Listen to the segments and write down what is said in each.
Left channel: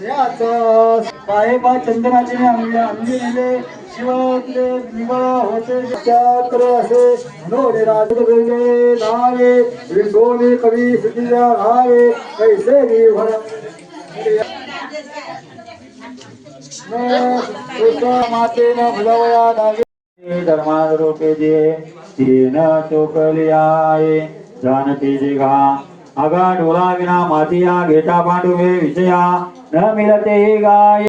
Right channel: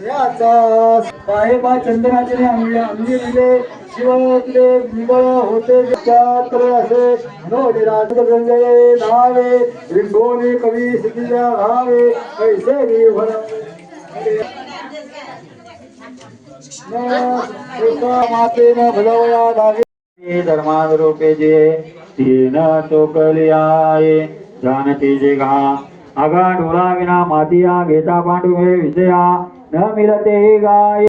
साहेबा चंद्राचे अंगी नेले शिवले निवळ होते त्यात्र असे नोडे राजगंगे नावे विंगोने कवी सिद्धिया घावे कैसे निभर माते न भुलवया डागे धर्मान रूपे जे तीन चोकलियाये जानती जे घा आगा डोला विना मातिया घेता पांडुवे विजया न मिलते गाय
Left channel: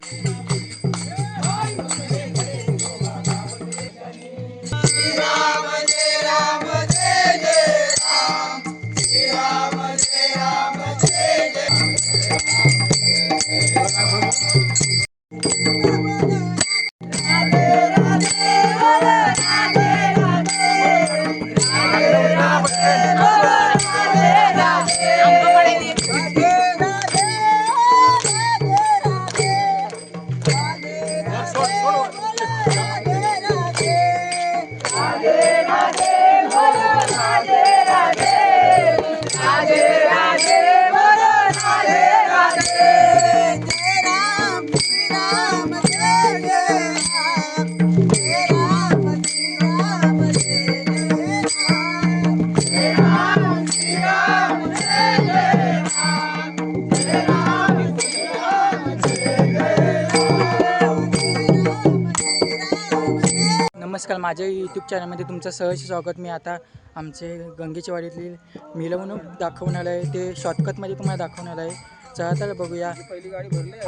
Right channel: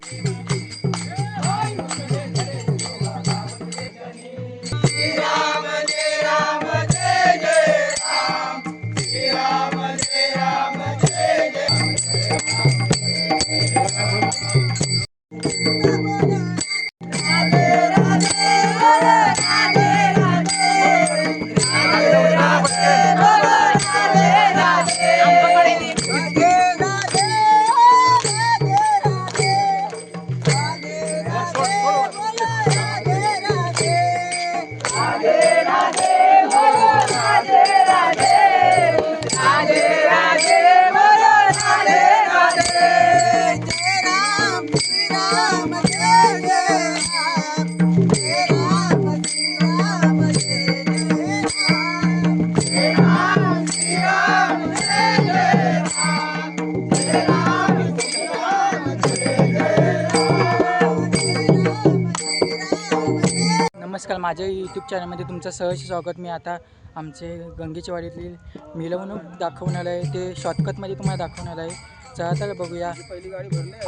नमस्कार, माझ्या यूट्यूब चॅनलमध्ये तुमचं सहर्ष स्वागत. मी आता आमचे गंगेच्या वाडीतली मिरवणूक दाखवणार आहे. ते शॉर्टकटमध्ये तुम्हाला दाखवणार आहे. चला तर बघूया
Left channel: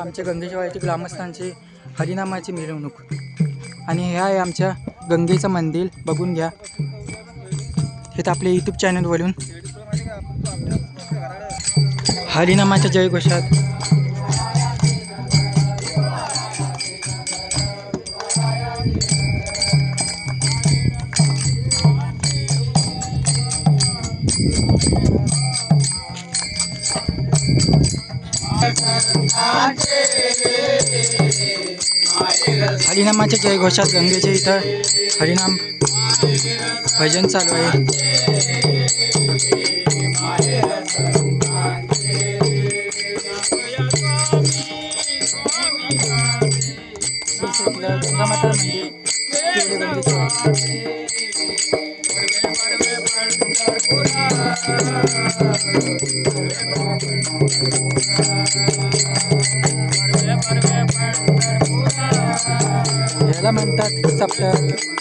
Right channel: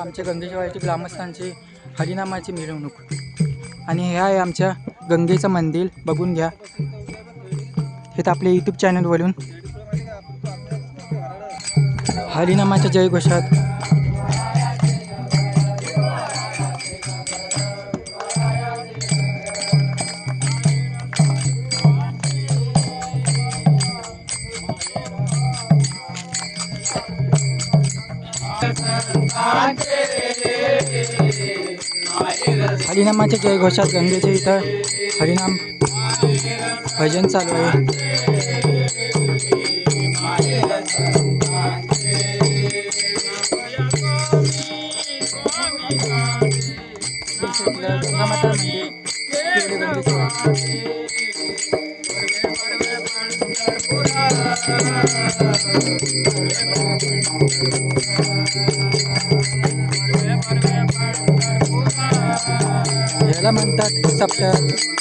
आमच्या गंगेच्या वाडीतील ग्रामस्थांची हरिनामाची मिरवणूक. आणि हे आहे आमच्या गंगेचं मंदिर, बघून घ्या. हे तर आपल्या यूट्यूब चॅनलवरून हरिनामाच्या जयघोषात हरिनामाच्या जयघोषात गंगेच्या इथं हरिनाम भजन चालू आहे. गंगामाता मंदिर गंगेच्या याला म्हणतात सप्तक.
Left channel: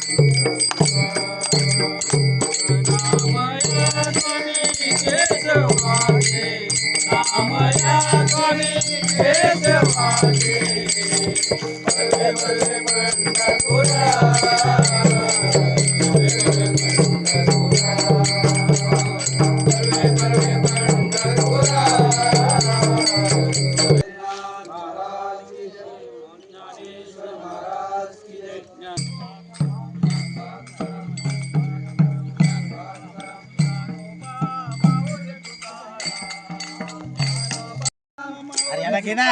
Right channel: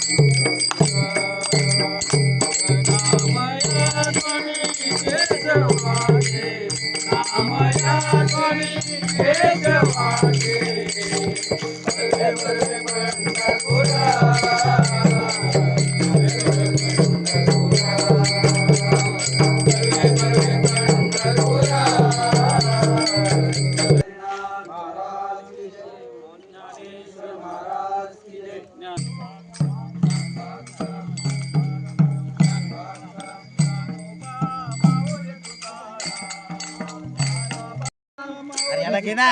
हरियाणा घे ना.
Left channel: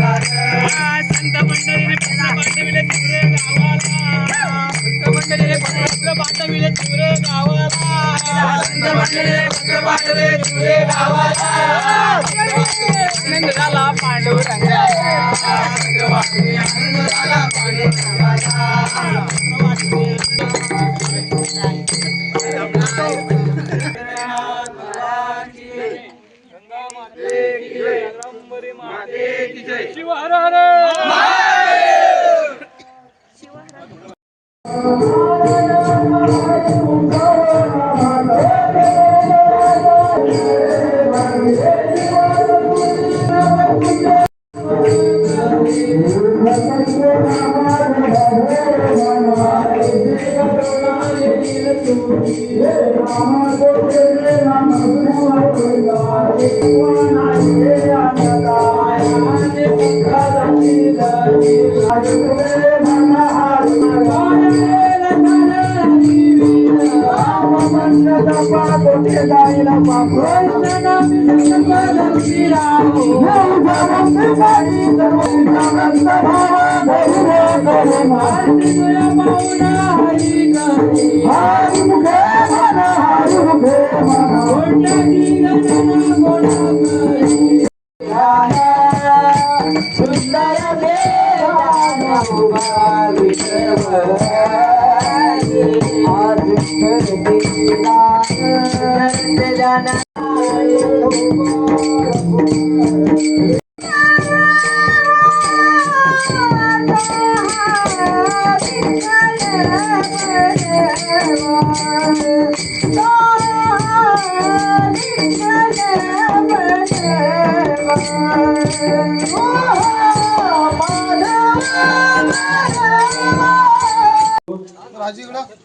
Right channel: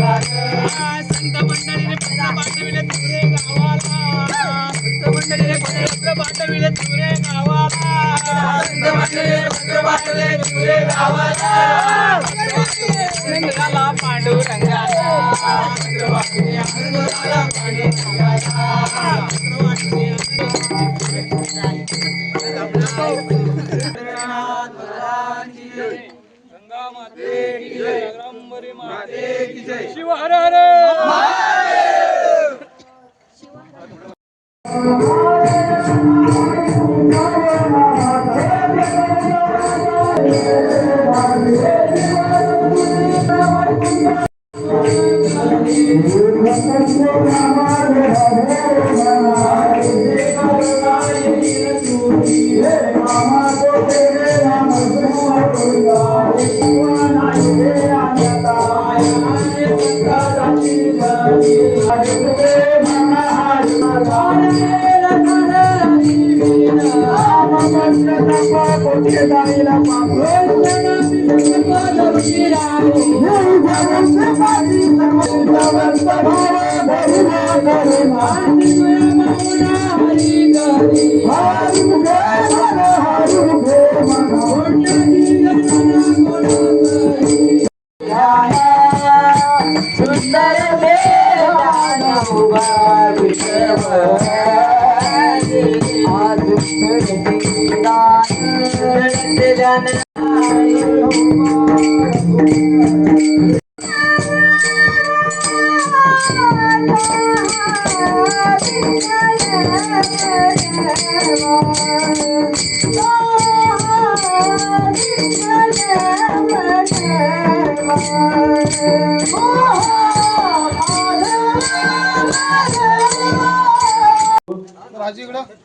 संत मंडळीने पत्र पाठविले तुरे गावाला. संत मंडळीने पत्र पाठविले तुरे गावाला. संत मंडळीने पत्र पाठविले तुरे गावाला. आनंद झाला पांडुरंगाला. पत्र वाचले आनंद झाला पांडुरंगाला. पत्र वाचले गंगा माते की जय. रंबरी माते की जय. शिव हर हर.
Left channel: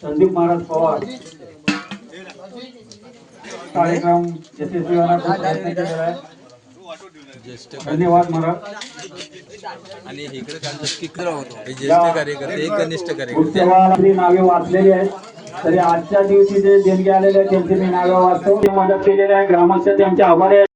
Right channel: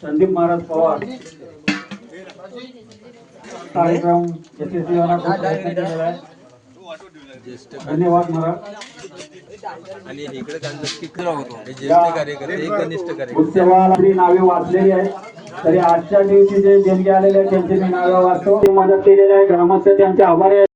संदीप महाराज पवार कार्यक्रम यशस्वी होण्याचा खूप प्रयत्न केलेला आहे. धन्यवाद महाराज. आणि इकडे ज्येष्ठ कार्यकर्ते एकनिष्ठ कार्यकर्ते उत्सवाला जी नावे वाचलेली आहेत, तरी आजच्या दिवशी जे देणगे आलेले आहेत त्यांची मी नावे वाचतो. ते मदत केलेली आहे. ग्रामस्थ त्यांचे आभारी आहेत.